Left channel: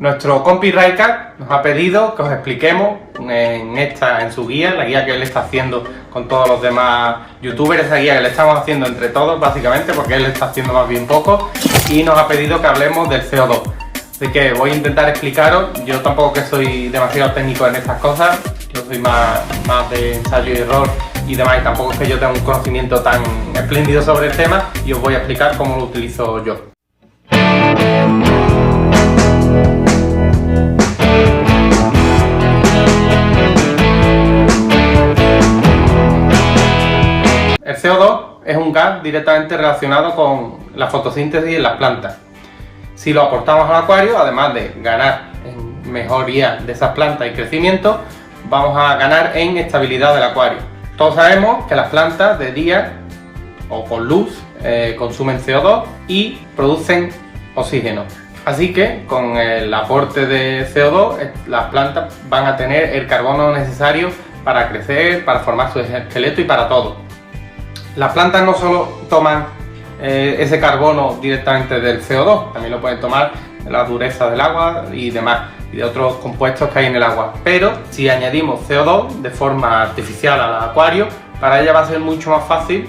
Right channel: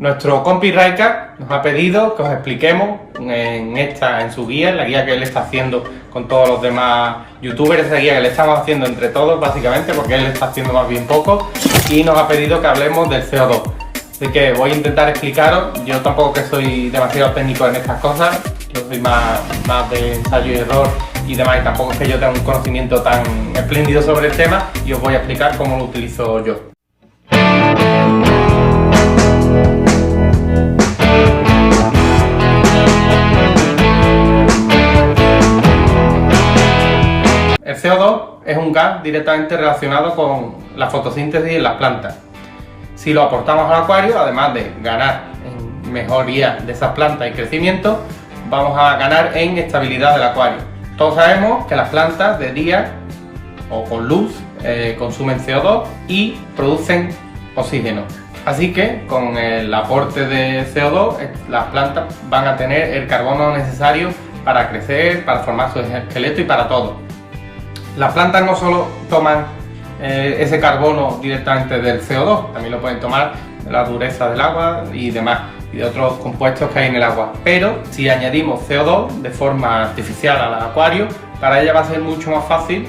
Nuestro compi Raika nos ha pedido que os expliquemos en su guía, la guía que él está haciendo con todos los demás youtubers, esa guía que le estamos haciendo entre todos básicamente, porque él está haciendo más bien poco, y nos ha pedido que hablemos del CO2. Así que voy a intentar explicaros. Yo tampoco que soy demasiado técnico en estas cosas, yo soy más de ensayo y error y demás, y tampoco es que yo tenga un conocimiento tan espléndido sobre el tema, y os voy a explicar cómo lo utilizo yo. El CO2 es un gas directamente relacionado con la fotosíntesis en las plantas. Si lo aportamos al acuario, además de ganar en mejoría de esas plantas y crecimiento, vamos a ganar en estabilidad del acuario. Todos sabemos que las plantas de día o con luz consumen CO2 y producen oxígeno. Así que con el aporte de CO2 las plantas van a tener el carbono necesario para crecer, para formar su esqueleto y para todo. Las plantas no solo toman ese carbono directamente del CO2, también lo pueden tomar de la dureza del agua y demás, y de otros compuestos que hay en el agua. Pero si añadimos CO2 de forma artificial al acuario, para ella va a ser mucho más fácil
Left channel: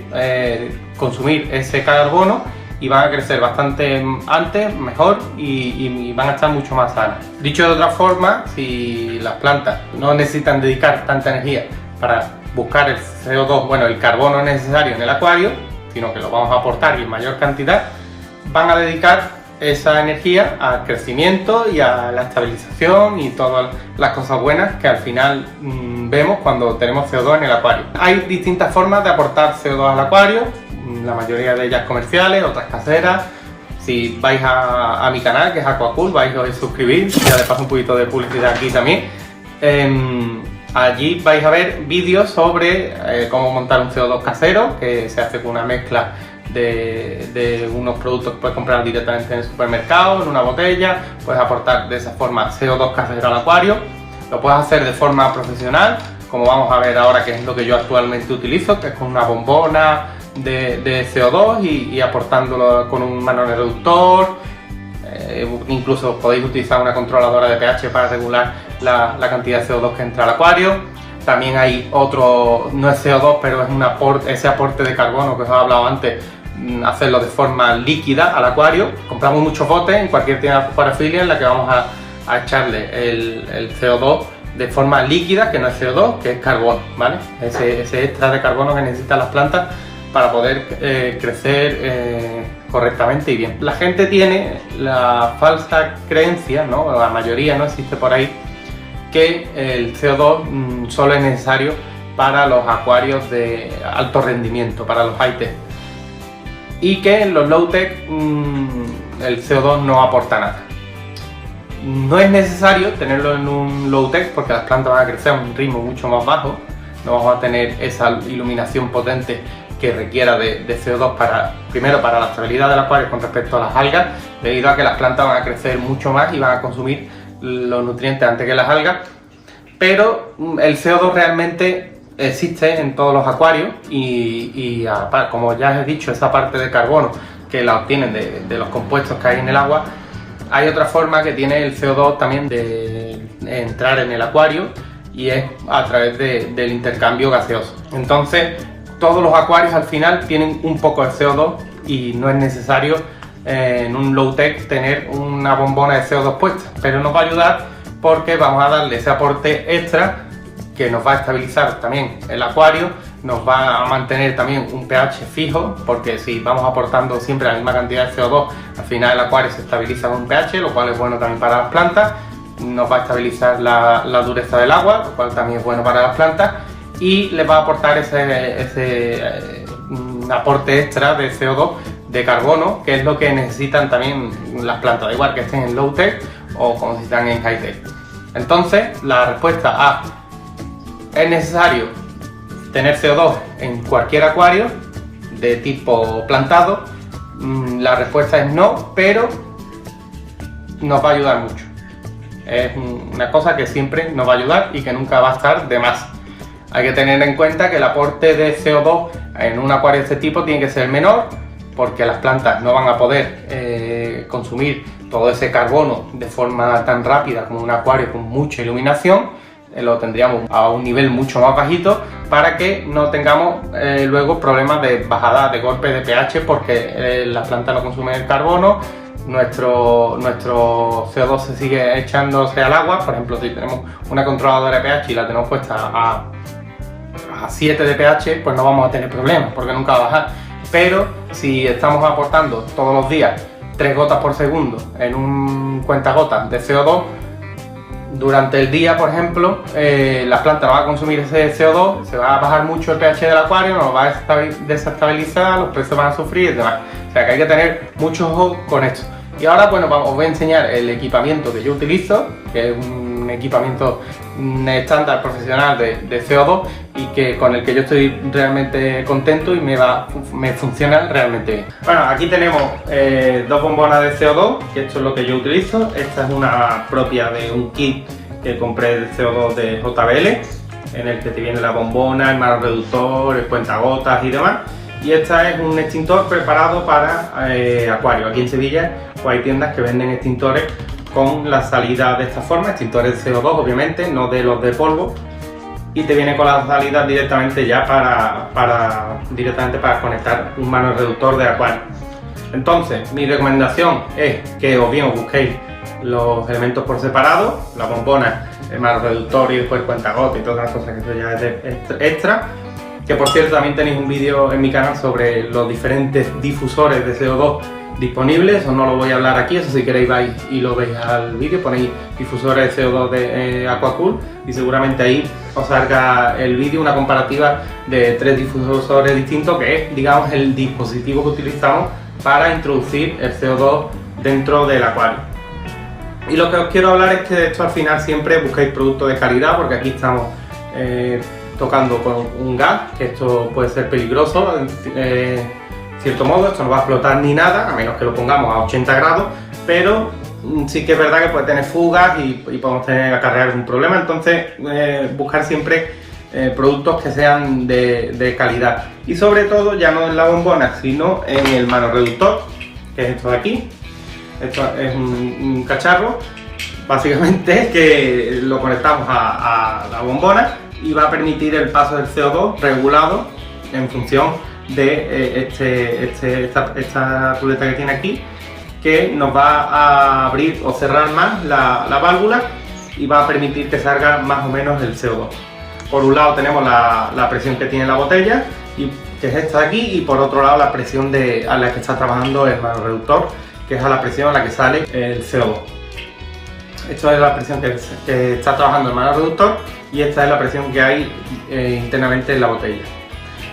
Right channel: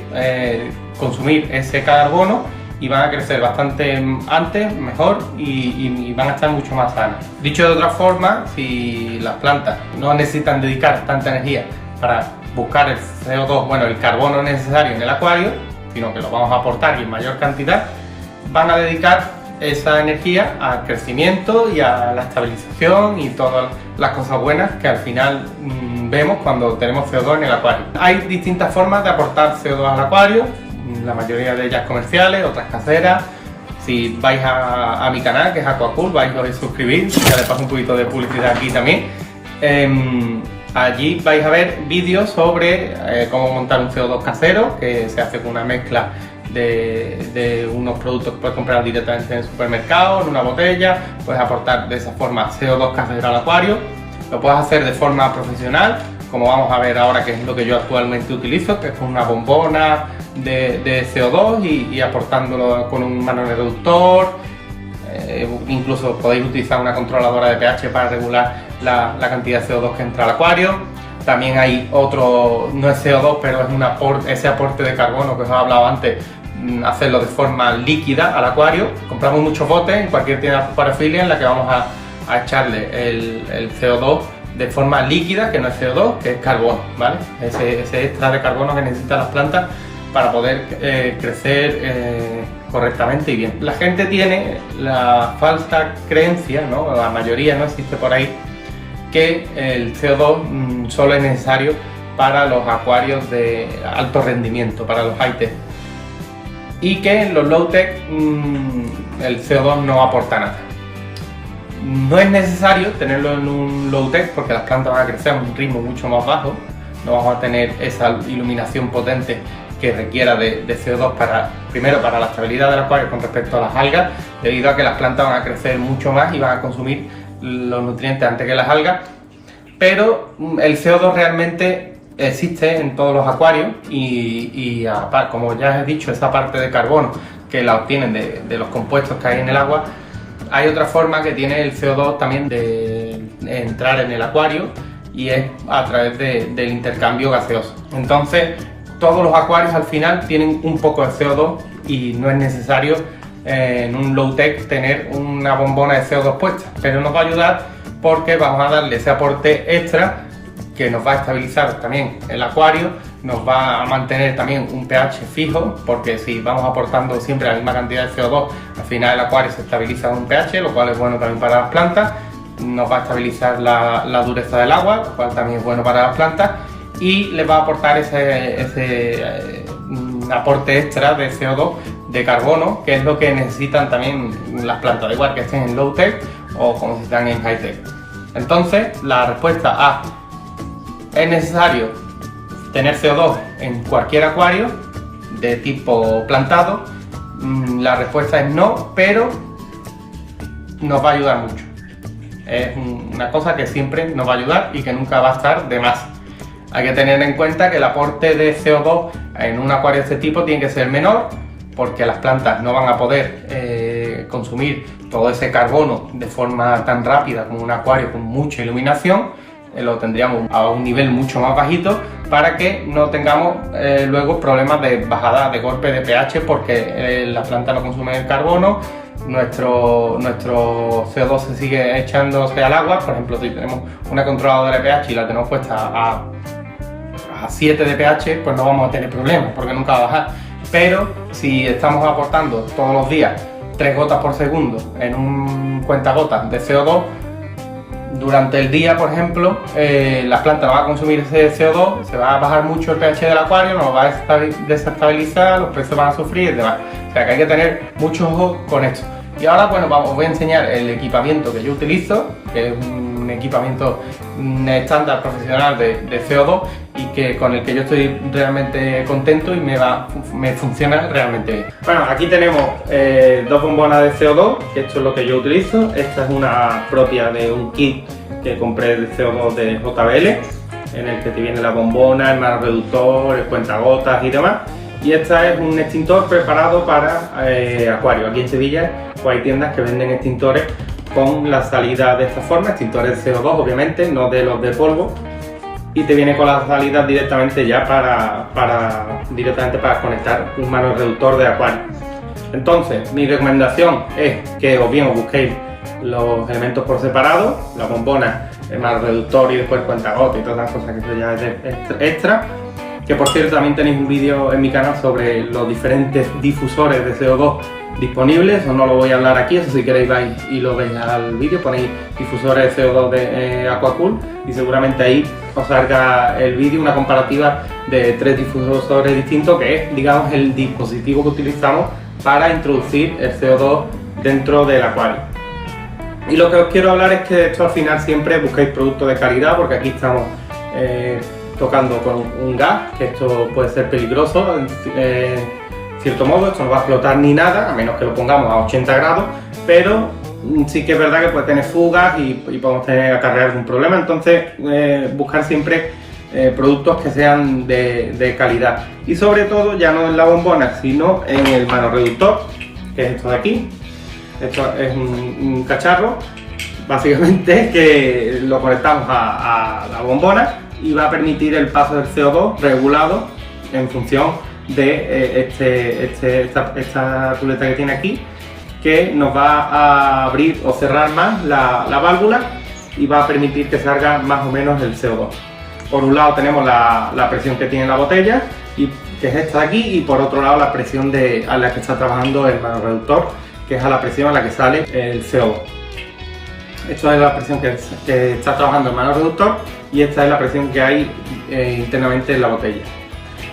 consumir ese carbono y van a crecer bastante antes, mejor y van a estar mucho más sanas. Dicho de otra forma, si las plantas no necesitan dedicar tanta energía para buscar el CO2, bueno, el carbono necesario en el acuario, sino que lo vamos a aportar y en mayor cantidad, van a dedicar esa energía al crecimiento y a la estabilización y todas las cosas buenas que al final vemos cuando tenemos CO2 en el acuario. Hay distintas formas de aportar CO2 al acuario, la mayoría de ellas comerciales, otras caseras. Si vais a mi canal, que es Aquacool, vais a suscribir, ya le paso un poquito de publicidad aquí también. Allí vais a ver vídeos sobre cómo montar un CO2 casero, que se hace con una mezcla de unos productos que puedes comprar directamente en el supermercado, en una botella. Puedes aportar de esa forma CO2 casero al acuario. Lo puedes hacer de forma profesional, como vamos a ver ahora, que es lo que yo actualmente utilizo, que es con una bombona de CO2 y aportándolo con un manoreductor. Incluso podéis utilizar una controladora de pH para regular la cantidad de CO2 que entra al acuario. También hay otro, no es CO2, pero es ese aporte de carbono que os he hablado antes, hacerlo de forma líquida al acuario. Compramos muchos botes en cualquier tienda de acuariofilia en la que vamos a echarle el CO2 de forma líquida, que no es CO2, que es carbono, ¿vale? Ese extra de carbono que necesitan las plantas para poder crecer correctamente y bien. La gente tiene la falsa creencia, ¿no? La mayoría, no existe por ahí, que el CO2 solo es necesario para los acuarios de alto rendimiento, para los high-tech, y que en los low-tech el CO2 no aporta nada. No es necesario tenerlo en un low-tech porque las plantas van a crecer a un ritmo mucho más bajo, no vamos a tener esa iluminación potente que requiera de CO2 primero para la estabilidad del acuario con respecto a las algas, debido a que las plantas van a crecer mucho más y van a consumir los nutrientes antes que las algas. Pero el CO2 realmente existe en todos los acuarios y como ya he dicho, esa parte de carbono que la obtienen de los compuestos que hay en el agua, hay otra forma que tiene el CO2 también de entrar en el acuario, y es a través del intercambio gaseoso. Entonces todos los acuarios al final tienen un poco de CO2 y no es necesario en un low-tech tener una bombona de CO2 puesta, pero nos va a ayudar porque vamos a darle ese aporte extra que nos va a estabilizar también el acuario, nos va a mantener también un pH fijo, porque si vamos aportando siempre la misma cantidad de CO2, al final el acuario se estabiliza con un pH, lo cual es bueno también para las plantas. Nos va a estabilizar la dureza del agua, lo cual también es bueno para las plantas, y les va a aportar ese aporte extra de CO2, de carbono, que es lo que necesitan también las plantas, da igual que estén en low-tech o como si están en high-tech. Entonces, la respuesta A: ¿es necesario tener CO2 en cualquier acuario de tipo plantado? La respuesta es no, pero nos va a ayudar mucho. Es una cosa que siempre nos va a ayudar y que nunca va a estar de más. Hay que tener en cuenta que el aporte de CO2 en un acuario de este tipo tiene que ser menor, porque las plantas no van a poder consumir todo ese carbono de forma tan rápida como un acuario con mucha iluminación, lo tendríamos a un nivel mucho más bajito para que no tengamos luego problemas de bajada de golpe de pH, porque la planta no consume el carbono, nuestro CO2 se sigue echándose al agua. Por ejemplo, si tenemos una controladora de pH y la tenemos puesta a 7 de pH, pues no vamos a tener problemas porque nunca va a bajar. Pero si estamos aportando todos los días 3 gotas por segundo en un cuentagotas de CO2, durante el día, por ejemplo, la planta no va a consumir ese CO2, se va a bajar mucho el pH del acuario, nos va a desestabilizar, los peces van a sufrir y demás. O sea que hay que tener mucho ojo con esto. Y ahora, bueno, os voy a enseñar el equipamiento que yo utilizo, que es un equipamiento estándar profesional de CO2 y con el que yo estoy realmente contento y me funciona realmente bien. Bueno, aquí tenemos 2 bombonas de CO2, que esto es lo que yo utilizo. Esta es una propia de un kit que compré de CO2 de JBL, en el que te viene la bombona, el mano reductor, el cuentagotas y demás. Y esta es un extintor preparado para acuario. Aquí en Sevilla pues hay tiendas que venden extintores con la salida de esta forma, extintores de CO2 obviamente, no de los de polvo, y te viene con la salida directamente ya directamente para conectar un mano reductor de acuario. Entonces, mi recomendación es que o bien os busquéis los elementos por separado, la bombona, el mano reductor y después el cuentagotas y todas las cosas, que eso ya es extra. Que por cierto también tenéis un vídeo en mi canal sobre los diferentes difusores de CO2 disponibles, eso no lo voy a hablar aquí, eso si queréis vais y lo veis al vídeo, ponéis difusores de CO2 de Aquacool y seguramente ahí os salga el vídeo, una comparativa de 3 difusores distintos, que es, digamos, el dispositivo que utilizamos para introducir el CO2 dentro del acuario. Y lo que os quiero hablar es que de esto al final siempre busquéis productos de calidad, porque aquí estamos tocando con un gas, que esto puede ser peligroso en cierto modo. Esto no va a explotar ni nada, a menos que lo pongamos a 80 grados, pero sí que es verdad que puede tener fugas y podemos acarrear algún problema. Entonces buscar siempre productos que sean de calidad, y sobre todo ya no en la bombona sino en el mano reductor, que es esto de aquí. Esto es un cacharro básicamente que lo conectamos a la bombona y va a permitir el paso del CO2 regulado en función de esta ruleta que tiene aquí, que nos va a abrir o cerrar más la válvula y va a permitir que salga más o menos el CO2. Por un lado tenemos la presión que tiene la botella, que es esta de aquí, y por otro lado la presión a la que está trabajando el mano reductor, que es a la presión a la que sale el CO2. Esta es la presión que está trabajando el mano reductor y esta es la presión que hay internamente en la botella.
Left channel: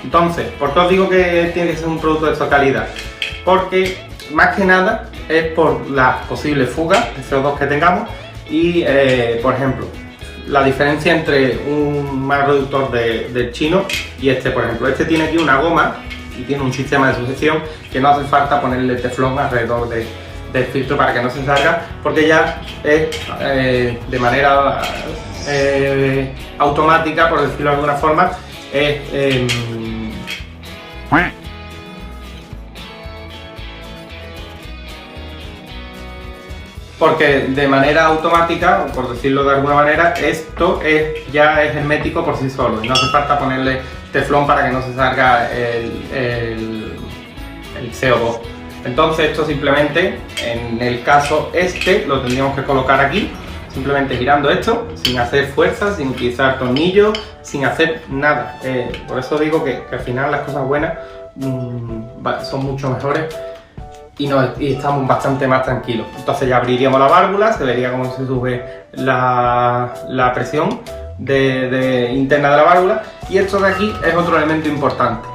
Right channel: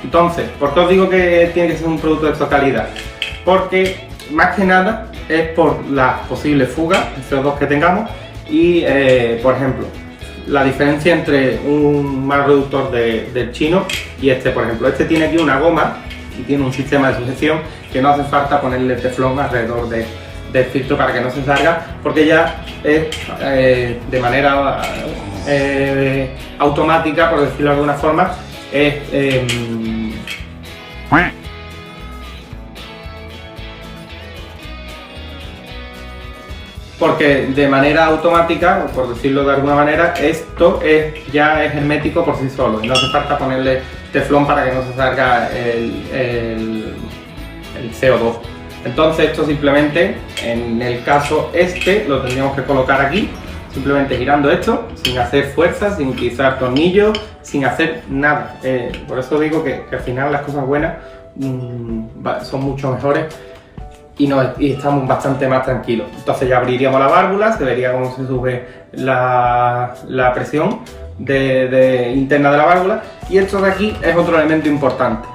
Entonces, ¿por qué os digo que tiene que ser un producto de esta calidad? Porque más que nada es por las posibles fugas de CO2 que tengamos y, por ejemplo, la diferencia entre un mano reductor del chino y este, por ejemplo. Este tiene aquí una goma y tiene un sistema de sujeción que no hace falta ponerle teflón alrededor del filtro para que no se salga, porque ya es de manera automática, por decirlo de alguna forma, porque de manera automática, o por decirlo de alguna manera, esto ya es hermético por sí solo y no hace falta ponerle teflón para que no se salga el CO2. Entonces esto simplemente, en el caso lo tendríamos que colocar aquí, simplemente girando esto, sin hacer fuerza, sin utilizar tornillos, sin hacer nada. Por eso digo que al final las cosas buenas son mucho mejores y estamos bastante más tranquilos. Entonces ya abriríamos la válvula, se vería cómo se sube la presión interna de la válvula, y esto de aquí es otro elemento importante.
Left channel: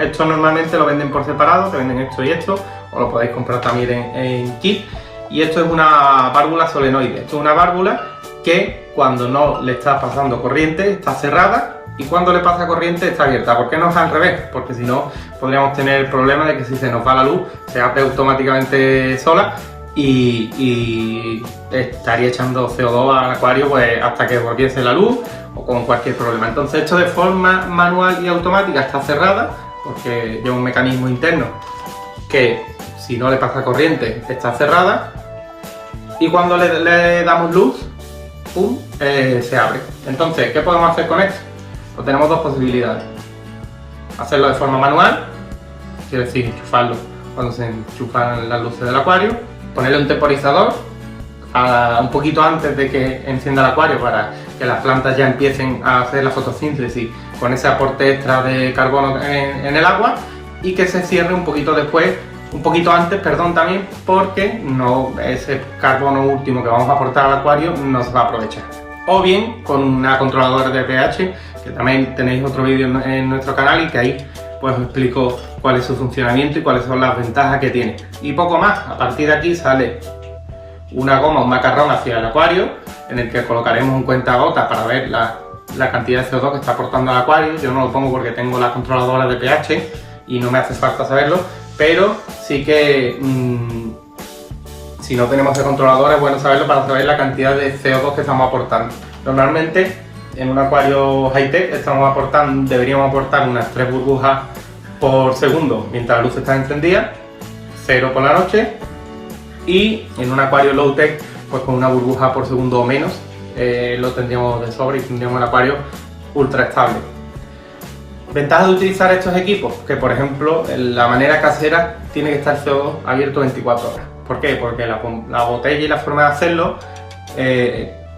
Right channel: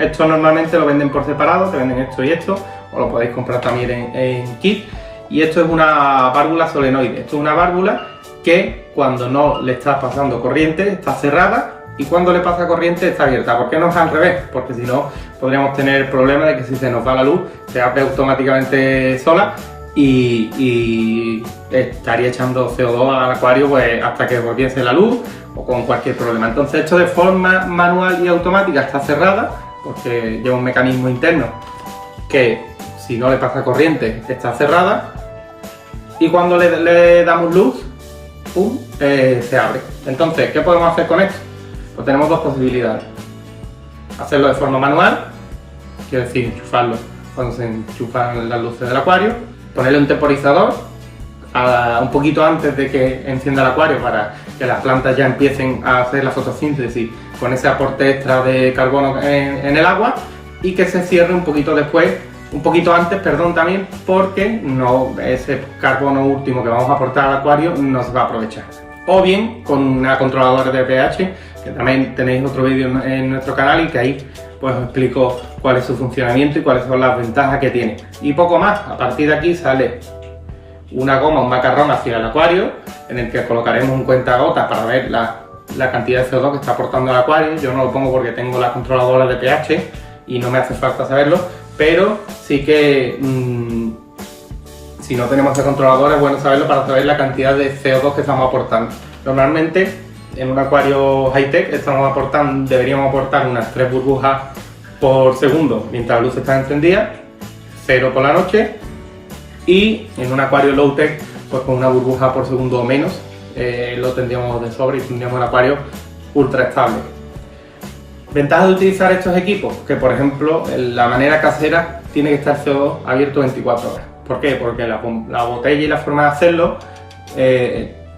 Esto normalmente lo venden por separado, te venden esto y esto, o lo podéis comprar también en kit. Y esto es una válvula solenoide. Esto es una válvula que cuando no le está pasando corriente está cerrada, y cuando le pasa corriente está abierta. ¿Por qué no es al revés? Porque si no podríamos tener el problema de que si se nos va la luz se abre automáticamente sola y estaría echando CO2 al acuario pues hasta que volviese la luz o con cualquier problema. Entonces esto de forma manual y automática está cerrada porque lleva un mecanismo interno que si no le pasa corriente está cerrada y cuando le damos luz, ¡pum!, se abre. Entonces, ¿qué podemos hacer con esto? Pues tenemos dos posibilidades. Hacerlo de forma manual, quiero decir, enchufarlo cuando se enchufan las luces del acuario, ponerle un temporizador un poquito antes de que encienda el acuario para que las plantas ya empiecen a hacer la fotosíntesis con ese aporte extra de carbono en el agua, y que se cierre un poquito después, un poquito antes, perdón, también, porque ese carbono último que vamos a aportar al acuario no se va a aprovechar. O bien con una controladora de pH, que también tenéis otro vídeo en nuestro canal y que ahí pues os explico cuál es su funcionamiento y cuáles son las ventajas que tiene. Y poco más. A partir de aquí sale una goma, un macarrón hacia el acuario, en el que colocaremos un cuentagotas para ver la cantidad de CO2 que está aportando el acuario. Yo no lo pongo porque tengo la controladora de pH y no me hace falta saberlo, pero sí que si no tenemos el controlador es bueno saberlo para saber la cantidad de CO2 que estamos aportando. Normalmente en un acuario high-tech deberíamos aportar unas 3 burbujas por segundo mientras la luz está encendida, 0 por la noche, y en un acuario low-tech pues con una burbuja por segundo o menos lo tendríamos de sobra y tendríamos un acuario ultra estable. Ventajas de utilizar estos equipos, que por ejemplo en la manera casera tiene que estar CO2 abierto 24 horas. ¿Por qué? Porque la botella y la forma de hacerlo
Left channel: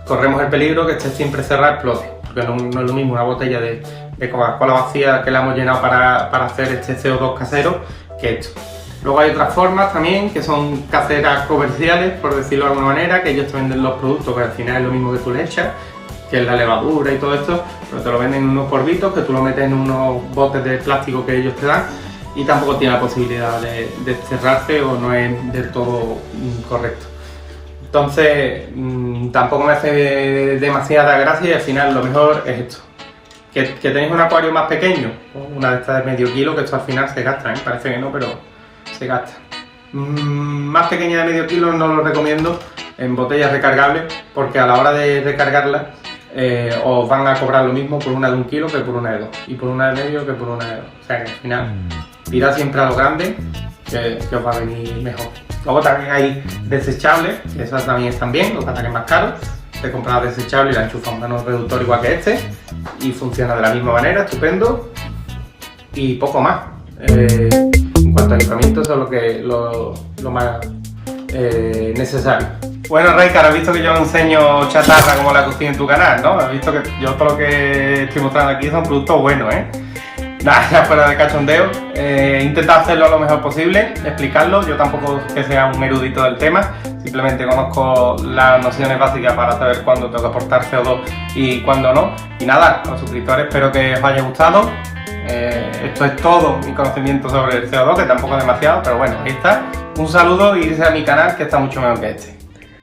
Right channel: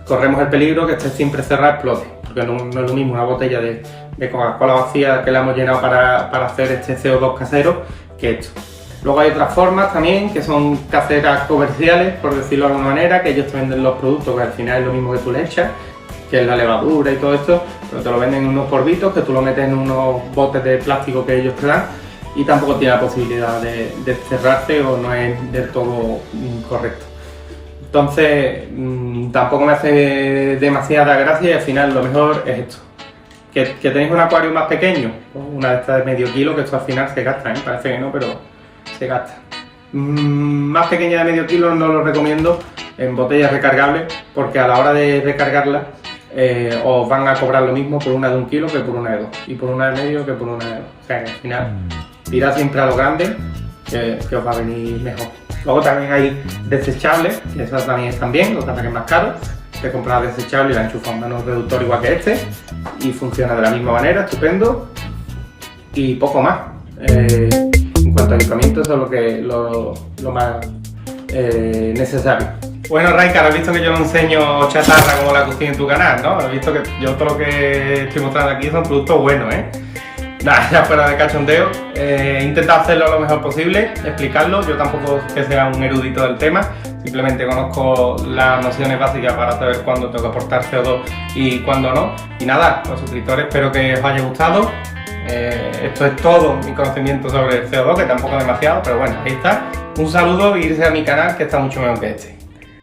corremos el peligro que esté siempre cerrada, explote, porque no es lo mismo una botella de Coca-Cola vacía que la hemos llenado para hacer este CO2 casero que esto. Luego hay otras formas también que son caseras comerciales, por decirlo de alguna manera, que ellos te venden los productos que al final es lo mismo que tú le echas, que es la levadura y todo esto, pero te lo venden en unos polvitos que tú lo metes en unos botes de plástico que ellos te dan y tampoco tiene la posibilidad de cerrarse o no es del todo correcto. Entonces tampoco me hace demasiada gracia y al final lo mejor es esto. Que tenéis un acuario más pequeño, una de estas de medio kilo, que esto al final se gasta, parece que no, pero se gasta. Más pequeña de medio kilo no lo recomiendo en botellas recargables, porque a la hora de recargarlas os van a cobrar lo mismo por una de 1 kilo que por una de 2, y por una de medio que por una de 2. O sea que al final tirad siempre a lo grande, que os va a venir mejor. Luego también hay desechables, esas también están bien, los que es más caros. Te compras desechable y la enchufas un menos reductor igual que este y funciona de la misma manera, estupendo. Y poco más. En cuanto a equipamiento, eso es lo más necesario. Bueno, Raikar, has visto que yo no enseño chatarra como la que tiene en tu canal, ¿no? Has visto que yo todo lo que estoy mostrando aquí son productos buenos, ¿eh? Nada, ya fuera de cachondeo, he intentado hacerlo lo mejor posible, explicarlo. Yo tampoco es que sea un erudito del tema, simplemente conozco las nociones básicas para saber cuándo tengo que aportar CO2 y cuándo no. Y nada, a los suscriptores, espero que os haya gustado. Esto es todo mi conocimiento sobre el CO2, que tampoco es demasiado, pero bueno, ahí está. Un saludo y irse a mi canal, que está mucho mejor que este.